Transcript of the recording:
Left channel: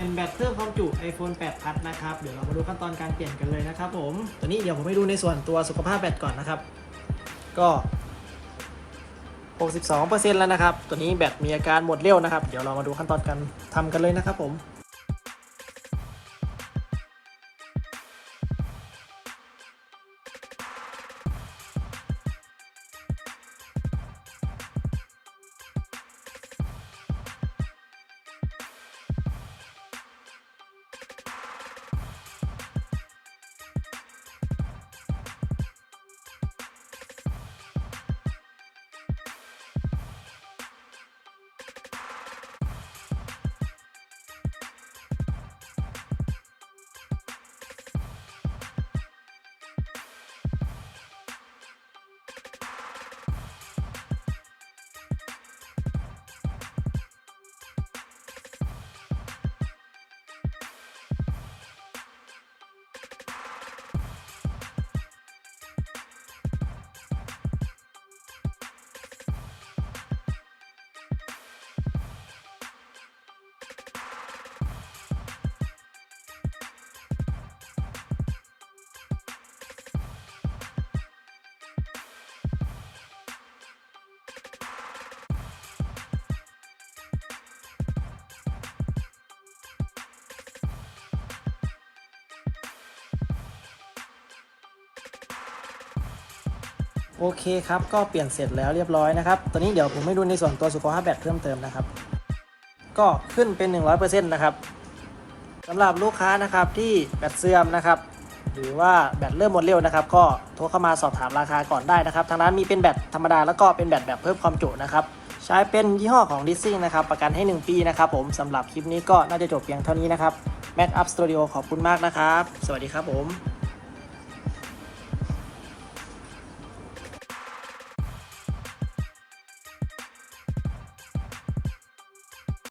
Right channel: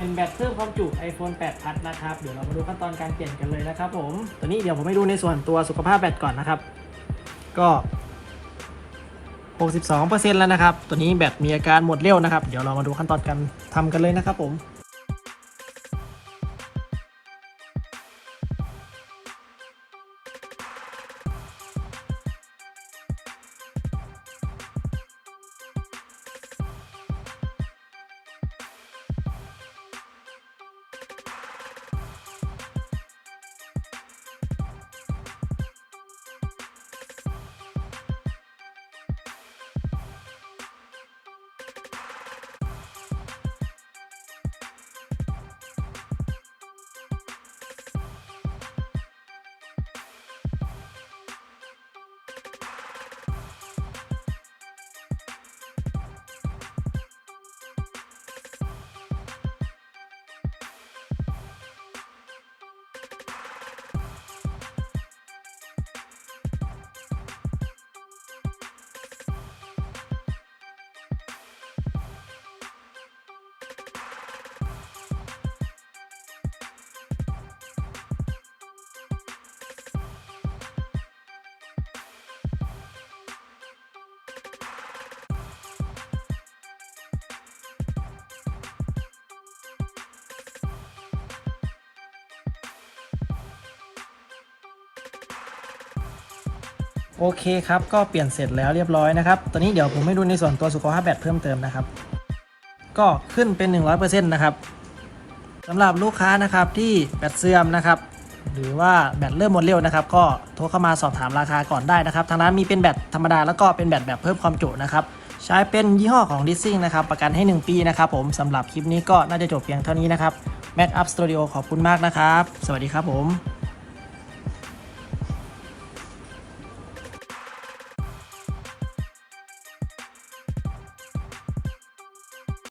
เป็นแบตเพิ่มความจุ iPhone 8 Plus นะครับ เดี๋ยวเรามาดูขั้นตอนการเปลี่ยนกันเลยนะครับผมตอนนี้เดี๋ยวผมให้ดูในส่วนตัวสุขภาพแบตก่อนนะครับ ก็ 62%แล้วนะครับ ตัวนี้แบตมีอาการหมดเร็วนะครับ เดี๋ยวเรามาดูขั้นตอนการทำกันเลยนะครับผม โอเคครับ ก็เปลี่ยนเสร็จแล้วเรียบร้อยนะครับ ตอนนี้เดี๋ยวผมให้ดูในส่วนตัวสุขภาพแบตเพิ่มเติมนะครับ ก็ขึ้นเป็น 100%นะครับสำหรับลูกค้านะครับที่แบตเสื่อมนะครับ หรือว่าแบตเริ่มหมดเร็วนะครับ ก็โทรเข้ามาสอบถามราคาก่อนได้นะครับ ทางร้านมีเป็นแบตธรรมดาแล้วก็เป็นแบตแบบเพิ่มความจุนะครับ ใช้เป็นยี่ห้อของดิซซี่นะครับ ประกันให้ 1 ปีนะครับ ผมสำหรับคลิปนี้ก็น่าจะจบเพียงเท่านี้นะครับแบตอัพสตูดิโอขอบคุณมากนะครับ สวัสดีครับผม